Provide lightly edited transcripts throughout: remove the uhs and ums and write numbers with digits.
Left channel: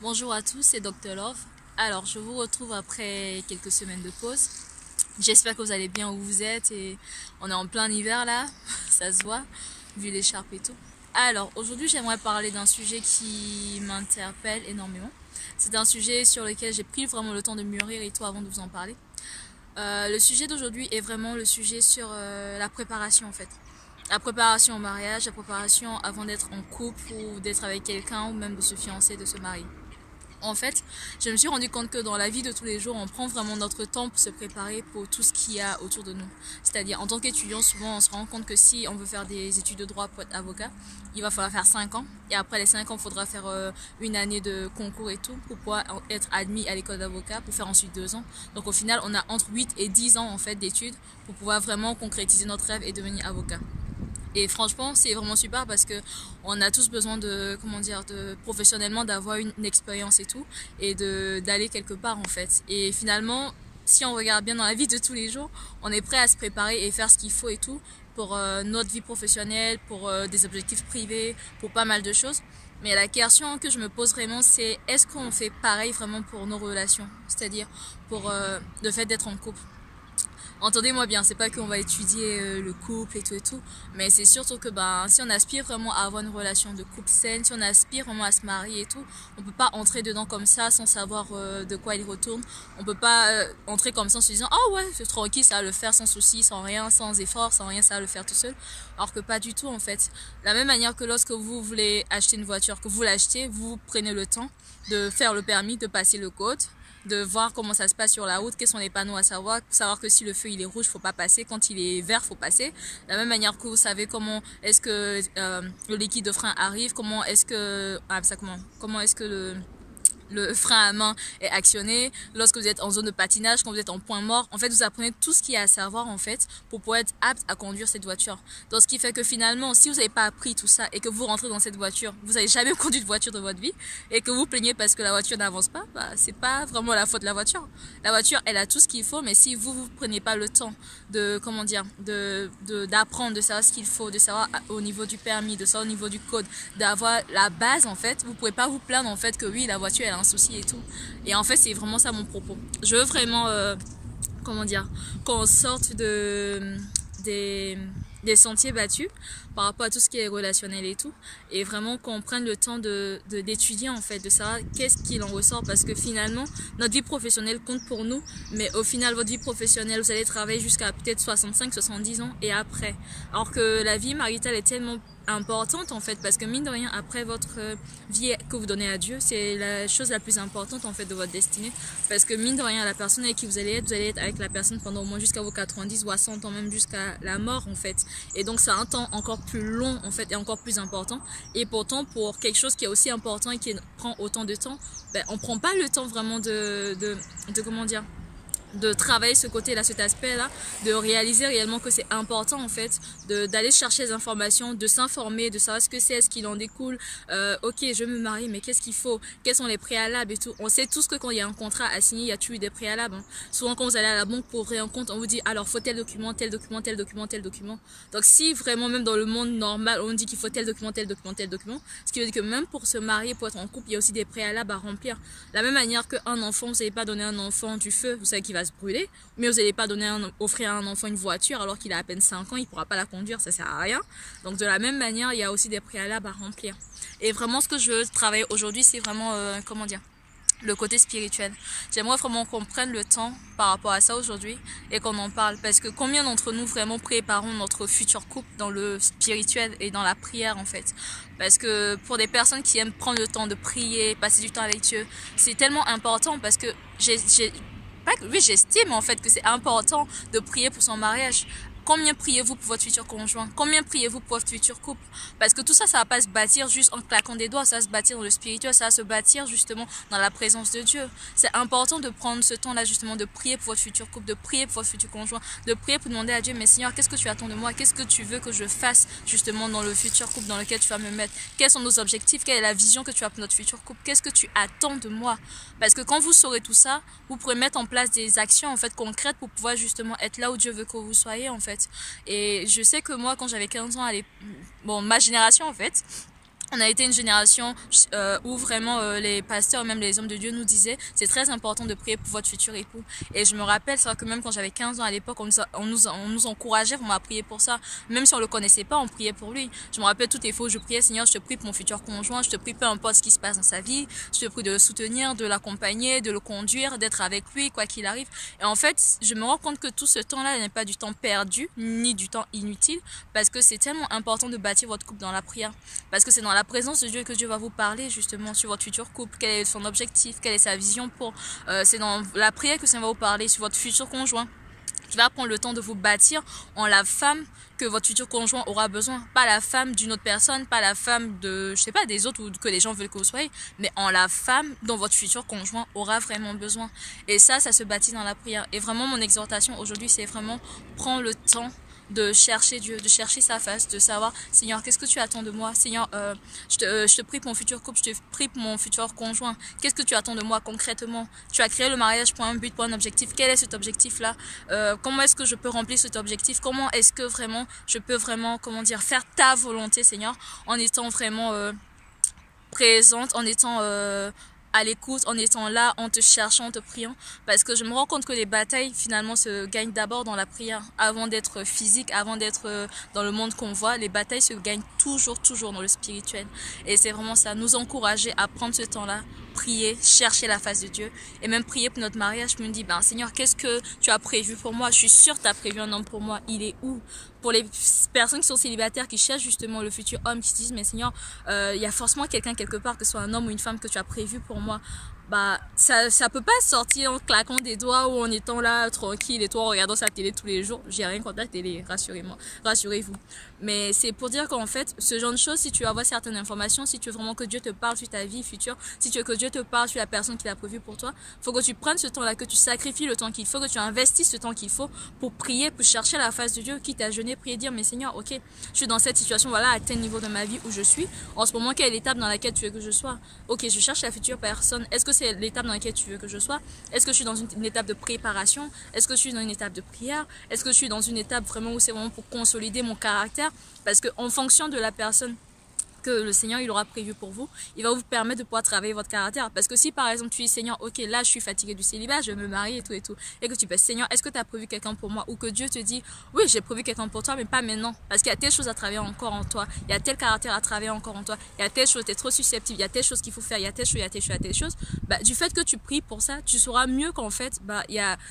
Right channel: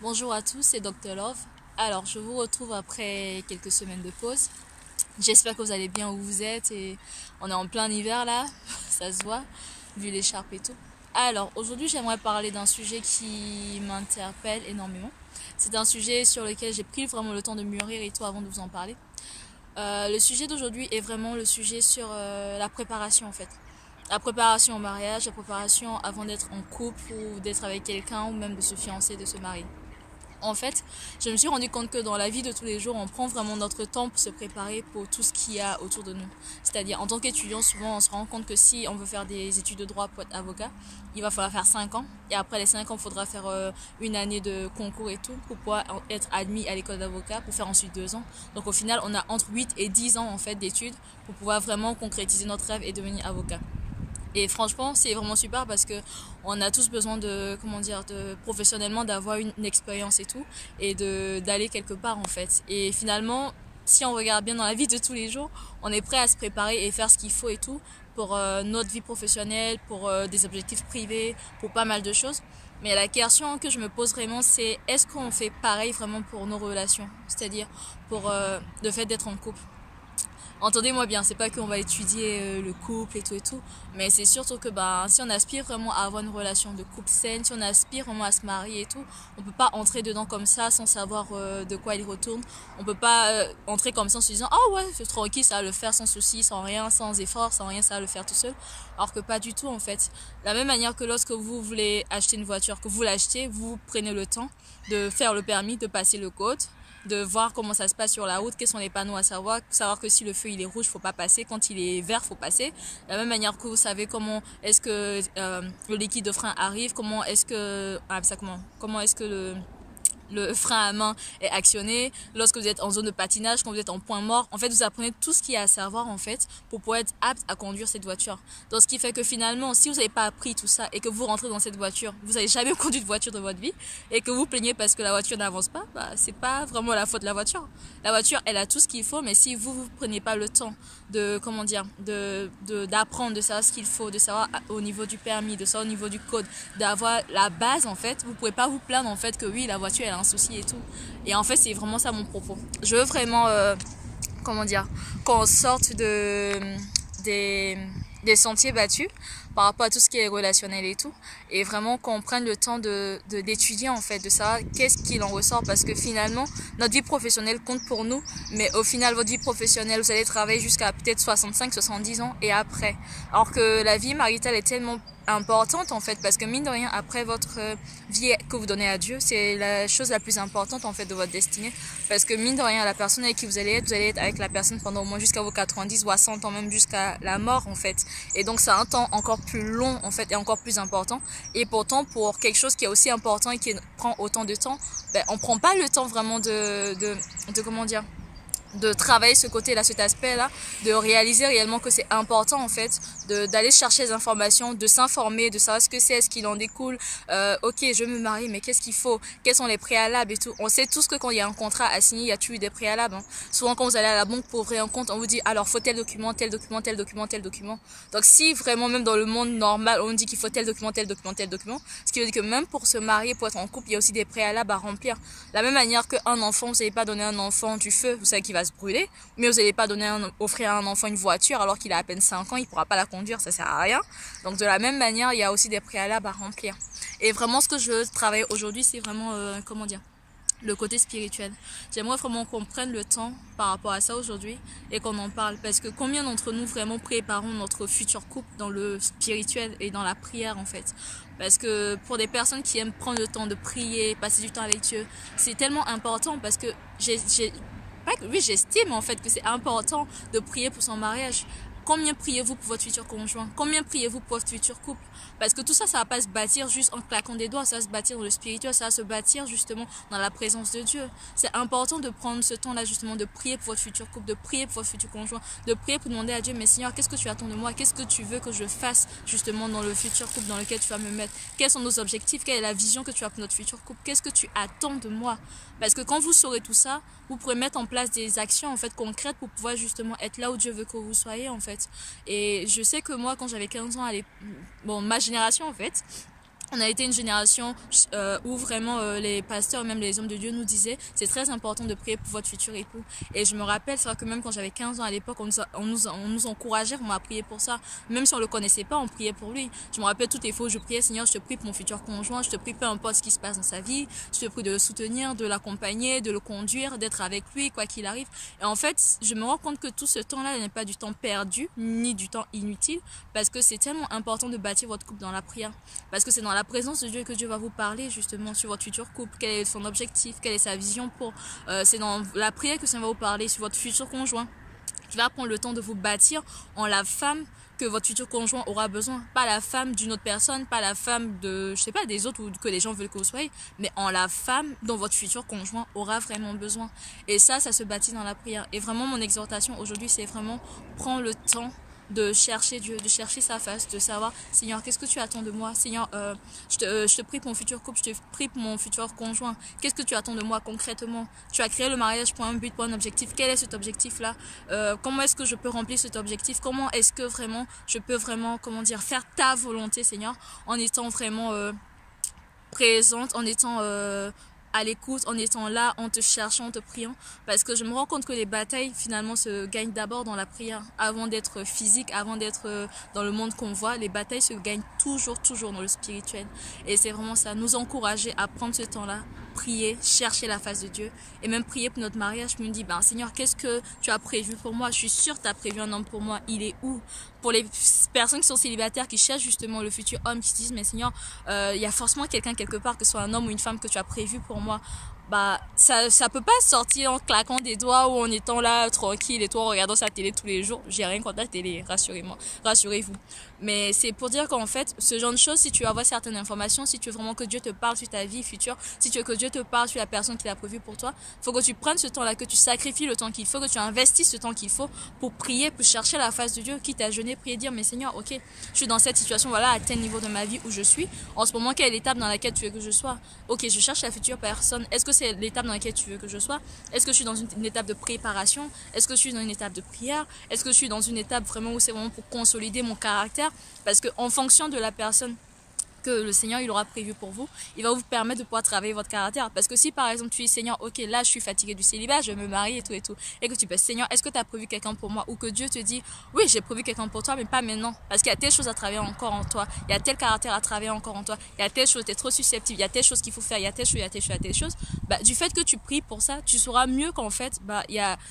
Bonjour à tous, c'est Dr Love. Alors, je vous retrouve après quelques semaines de pause. J'espère que vous allez bien où vous êtes et on est en plein hiver là, ça se voit, vu l'écharpe et tout. Alors, aujourd'hui, j'aimerais parler d'un sujet qui m'interpelle énormément. C'est un sujet sur lequel j'ai pris vraiment le temps de mûrir et tout avant de vous en parler. Le sujet d'aujourd'hui est vraiment le sujet sur la préparation en fait. La préparation au mariage, la préparation avant d'être en couple ou d'être avec quelqu'un ou même de se fiancer, de se marier. En fait, je me suis rendu compte que dans la vie de tous les jours, on prend vraiment notre temps pour se préparer pour tout ce qu'il y a autour de nous. C'est-à-dire, en tant qu'étudiant, souvent, on se rend compte que si on veut faire des études de droit pour être avocat, il va falloir faire 5 ans. Et après les 5 ans, il faudra faire une année de concours et tout pour pouvoir être admis à l'école d'avocat, pour faire ensuite 2 ans. Donc au final, on a entre 8 et 10 ans en fait d'études pour pouvoir vraiment concrétiser notre rêve et devenir avocat. Et franchement, c'est vraiment super parce que on a tous besoin de, professionnellement d'avoir une expérience et tout, et d'aller quelque part en fait. Et finalement, si on regarde bien dans la vie de tous les jours, on est prêt à se préparer et faire ce qu'il faut et tout pour notre vie professionnelle, pour des objectifs privés, pour pas mal de choses. Mais la question que je me pose vraiment, c'est est-ce qu'on fait pareil vraiment pour nos relations, c'est-à-dire pour le fait d'être en couple. Entendez-moi bien, c'est pas qu'on va étudier le couple et tout, mais c'est surtout que si on aspire vraiment à avoir une relation de couple saine, si on aspire vraiment à se marier et tout, on peut pas entrer dedans comme ça sans savoir de quoi il retourne. On peut pas entrer comme ça en se disant ah ouais c'est tranquille, ça va le faire sans souci, sans rien, sans effort, sans rien, ça va le faire tout seul. Alors que pas du tout en fait. De la même manière que lorsque vous voulez acheter une voiture, que vous l'achetez, vous prenez le temps de faire le permis, de passer le code, de voir comment ça se passe sur la route, quels sont les panneaux à savoir que si le feu il est rouge, faut pas passer, quand il est vert, faut passer. De la même manière que vous savez comment est-ce que le liquide de frein arrive, comment est-ce que comment est-ce que le frein à main est actionné, lorsque vous êtes en zone de patinage, quand vous êtes en point mort. En fait, vous apprenez tout ce qu'il y a à savoir en fait pour pouvoir être apte à conduire cette voiture. Donc, ce qui fait que finalement, si vous n'avez pas appris tout ça et que vous rentrez dans cette voiture, vous n'avez jamais conduit de voiture de votre vie et que vous plaignez parce que la voiture n'avance pas, c'est pas vraiment la faute de la voiture. La voiture, elle a tout ce qu'il faut, mais si vous prenez pas le temps de d'apprendre, de savoir ce qu'il faut, de savoir au niveau du permis, de savoir au niveau du code, d'avoir la base en fait, vous pouvez pas vous plaindre en fait que oui, la voiture elle a un souci et tout. Et en fait, c'est vraiment ça mon propos. Je veux vraiment qu'on sorte des sentiers battus par rapport à tout ce qui est relationnel et tout, et vraiment qu'on prenne le temps d'étudier en fait, de savoir qu'est-ce qu'il en ressort, parce que finalement notre vie professionnelle compte pour nous, mais au final votre vie professionnelle vous allez travailler jusqu'à peut-être 65-70 ans et après, alors que la vie maritale est tellement importante en fait, parce que mine de rien après votre vie que vous donnez à Dieu, c'est la chose la plus importante en fait de votre destinée, parce que mine de rien la personne avec qui vous allez être avec la personne pendant au moins jusqu'à vos 90 ou à 100 ans, même jusqu'à la mort en fait, et donc c'est un temps encore plus long en fait et encore plus important. Et pourtant pour quelque chose qui est aussi important et qui prend autant de temps, on prend pas le temps vraiment de travailler ce côté-là, cet aspect-là, de réaliser réellement que c'est important en fait, d'aller chercher des informations, de s'informer, de savoir ce que c'est, ce qu'il en découle. Ok, je me marie, mais qu'est-ce qu'il faut, quels sont les préalables et tout. On sait tous que quand il y a un contrat à signer, il y a toujours des préalables. Souvent quand vous allez à la banque pour ouvrir un compte, on vous dit alors faut tel document, tel document, tel document, tel document. Donc si vraiment même dans le monde normal, on dit qu'il faut tel document, tel document, tel document, ce qui veut dire que même pour se marier, pour être en couple, il y a aussi des préalables à remplir. De la même manière qu'un enfant, vous n'allez pas donner un enfant du feu, vous savez qu'il va se brûler, mais vous n'allez pas offrir à un enfant une voiture alors qu'il a à peine 5 ans, il ne pourra pas la conduire, ça sert à rien. Donc de la même manière, il y a aussi des préalables à remplir. Et vraiment ce que je veux travailler aujourd'hui, c'est vraiment, le côté spirituel. J'aimerais vraiment qu'on prenne le temps par rapport à ça aujourd'hui et qu'on en parle, parce que combien d'entre nous vraiment préparons notre futur couple dans le spirituel et dans la prière en fait. Parce que pour des personnes qui aiment prendre le temps de prier, passer du temps avec Dieu, c'est tellement important, parce que j'estime en fait que c'est important de prier pour son mariage. Combien priez-vous pour votre futur conjoint? Combien priez-vous pour votre futur couple? Parce que tout ça, ça va pas se bâtir juste en claquant des doigts, ça va se bâtir dans le spirituel, ça va se bâtir justement dans la présence de Dieu. C'est important de prendre ce temps-là justement de prier pour votre futur couple, de prier pour votre futur conjoint, de prier pour demander à Dieu, mais Seigneur, qu'est-ce que tu attends de moi? Qu'est-ce que tu veux que je fasse justement dans le futur couple dans lequel tu vas me mettre? Quels sont nos objectifs? Quelle est la vision que tu as pour notre futur couple? Qu'est-ce que tu attends de moi? Parce que quand vous saurez tout ça, vous pourrez mettre en place des actions en fait concrètes pour pouvoir justement être là où Dieu veut que vous soyez en fait. Et je sais que moi, quand j'avais 15 ans, ma génération en fait, On a été une génération où vraiment les pasteurs, même les hommes de Dieu nous disaient c'est très important de prier pour votre futur époux. Et je me rappelle, c'est vrai que même quand j'avais 15 ans à l'époque, on nous encourageait vraiment à prier pour ça. Même si on le connaissait pas, on priait pour lui. Je me rappelle toutes les fois où je priais, Seigneur, je te prie pour mon futur conjoint, je te prie peu importe ce qui se passe dans sa vie, je te prie de le soutenir, de l'accompagner, de le conduire, d'être avec lui, quoi qu'il arrive. Et en fait, je me rends compte que tout ce temps-là n'est pas du temps perdu, ni du temps inutile, parce que c'est tellement important de bâtir votre couple dans la prière. Parce que c'est dans la présence de Dieu que Dieu va vous parler justement sur votre futur couple, quel est son objectif, quelle est sa vision pour... c'est dans la prière que ça va vous parler sur votre futur conjoint, qui va prendre le temps de vous bâtir en la femme que votre futur conjoint aura besoin. Pas la femme d'une autre personne, pas la femme de, je sais pas, des autres ou que les gens veulent que vous soyez, mais en la femme dont votre futur conjoint aura vraiment besoin. Et ça se bâtit dans la prière. Et vraiment, mon exhortation aujourd'hui, c'est vraiment prendre le temps de chercher Dieu, de chercher sa face, de savoir, Seigneur, qu'est-ce que tu attends de moi? Seigneur, je te prie pour mon futur couple, je te prie pour mon futur conjoint. Qu'est-ce que tu attends de moi concrètement? Tu as créé le mariage pour un but, pour un objectif. Quel est cet objectif-là? Comment est-ce que je peux remplir cet objectif? Comment est-ce que vraiment je peux vraiment, comment dire, faire ta volonté, Seigneur, en étant vraiment présente, en étant à l'écoute, en étant là, en te cherchant, en te priant, parce que je me rends compte que les batailles finalement se gagnent d'abord dans la prière, avant d'être physique, avant d'être dans le monde qu'on voit. Les batailles se gagnent toujours dans le spirituel, et c'est vraiment ça, nous encourager à prendre ce temps-là, prier, chercher la face de Dieu, et même prier pour notre mariage. Je me dis, ben Seigneur, qu'est-ce que tu as prévu pour moi? Je suis sûre que tu as prévu un homme pour moi, il est où? Pour les personnes qui sont célibataires, qui cherchent justement le futur homme, qui se disent, mais Seigneur, il y a forcément quelqu'un quelque part, que ce soit un homme ou une femme, que tu as prévu pour moi. Bah, ça peut pas sortir en claquant des doigts ou en étant là tranquille et toi en regardant sa télé tous les jours. J'ai rien contre la télé, rassurez-moi, rassurez-vous. Mais c'est pour dire qu'en fait, ce genre de choses, si tu veux avoir certaines informations, si tu veux vraiment que Dieu te parle sur ta vie future, si tu veux que Dieu te parle sur la personne qu'il a prévue pour toi, faut que tu prennes ce temps-là, que tu sacrifies le temps qu'il faut, que tu investisses ce temps qu'il faut pour prier, pour chercher la face de Dieu, quitte à jeûner, prier, dire, mais Seigneur, ok, je suis dans cette situation, voilà, à tel niveau de ma vie où je suis. En ce moment, quelle est l'étape dans laquelle tu veux que je sois? Ok, je cherche la future personne. Est-ce que c'est l'étape dans laquelle tu veux que je sois? Est-ce que je suis dans une étape de préparation? Est-ce que je suis dans une étape de prière? Est-ce que je suis dans une étape vraiment où c'est vraiment pour consolider mon caractère? Parce que en fonction de la personne que le Seigneur il aura prévu pour vous, il va vous permettre de pouvoir travailler votre caractère. Parce que si par exemple tu dis Seigneur, ok, là je suis fatigué du célibat, je vais me marier et tout, et que tu peux Seigneur, est-ce que tu as prévu quelqu'un pour moi? Ou que Dieu te dit oui, j'ai prévu quelqu'un pour toi, mais pas maintenant, parce qu'il y a telle chose à travailler encore en toi, il y a tel caractère à travailler encore en toi, il y a telle chose, tu es trop susceptible, il y a telle chose qu'il faut faire, il y a telle chose, il y a telle chose, il y a telle chose. Bah, du fait que tu pries pour ça, tu sauras mieux qu'en fait, bah,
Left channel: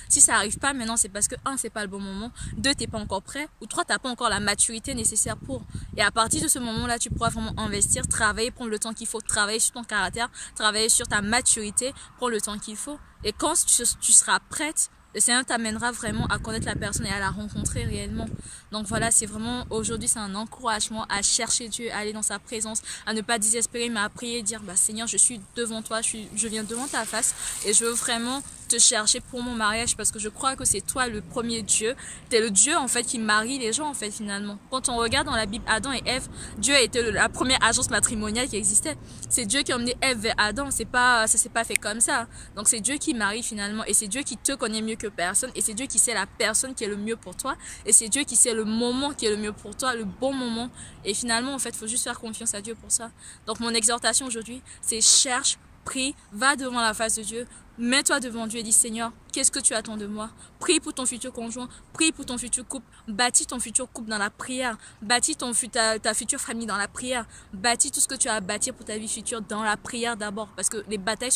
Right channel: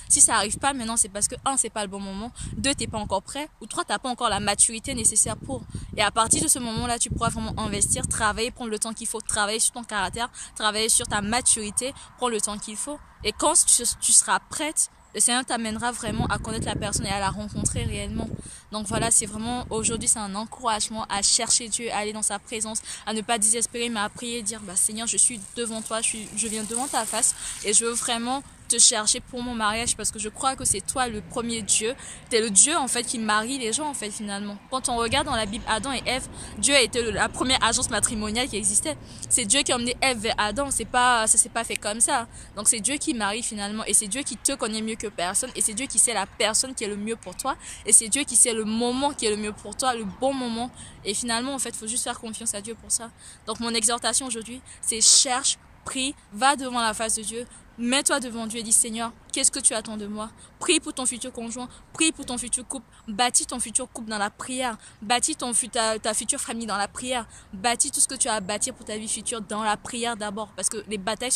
si ça arrive pas maintenant, c'est parce que un, c'est pas le bon moment, deux, t'es pas encore prêt, ou trois, t'as pas encore la maturité nécessaire pour. Et à partir de ce moment-là, tu pourras vraiment investir, travailler, prendre le temps qu'il faut, travailler sur ton caractère, travailler sur ta maturité, prendre le temps qu'il faut. Et quand tu seras prête, le Seigneur t'amènera vraiment à connaître la personne et à la rencontrer réellement. Donc voilà, c'est vraiment, aujourd'hui, c'est un encouragement à chercher Dieu, à aller dans sa présence, à ne pas désespérer, mais à prier, dire, bah Seigneur, je suis devant toi, je viens devant ta face et je veux vraiment te chercher pour mon mariage parce que je crois que c'est toi le premier Dieu. T'es le Dieu en fait qui marie les gens en fait finalement. Quand on regarde dans la Bible Adam et Ève, Dieu a été la première agence matrimoniale qui existait. C'est Dieu qui a emmené Ève vers Adam. Ça s'est pas fait comme ça. Donc c'est Dieu qui marie finalement et c'est Dieu qui te connaît mieux que personne et c'est Dieu qui sait la personne qui est le mieux pour toi et c'est Dieu qui sait le moment qui est le mieux pour toi, le bon moment. Et finalement en fait, faut juste faire confiance à Dieu pour ça. Donc mon exhortation aujourd'hui, c'est cherche, prie, va devant la face de Dieu. Mets-toi devant Dieu et dis Seigneur, qu'est-ce que tu attends de moi? Prie pour ton futur conjoint, prie pour ton futur couple, bâtis ton futur couple dans la prière, bâtis ta future famille dans la prière, bâtis tout ce que tu as à bâtir pour ta vie future dans la prière d'abord, parce que les batailles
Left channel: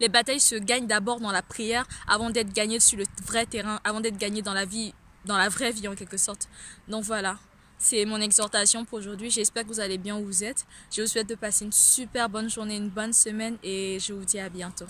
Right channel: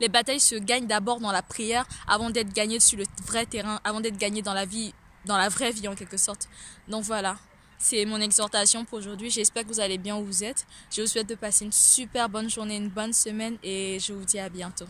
les batailles se gagnent d'abord dans la prière avant d'être gagnées sur le vrai terrain, avant d'être gagnées dans la vraie vie en quelque sorte. Donc voilà. C'est mon exhortation pour aujourd'hui. J'espère que vous allez bien où vous êtes. Je vous souhaite de passer une super bonne journée, une bonne semaine et je vous dis à bientôt.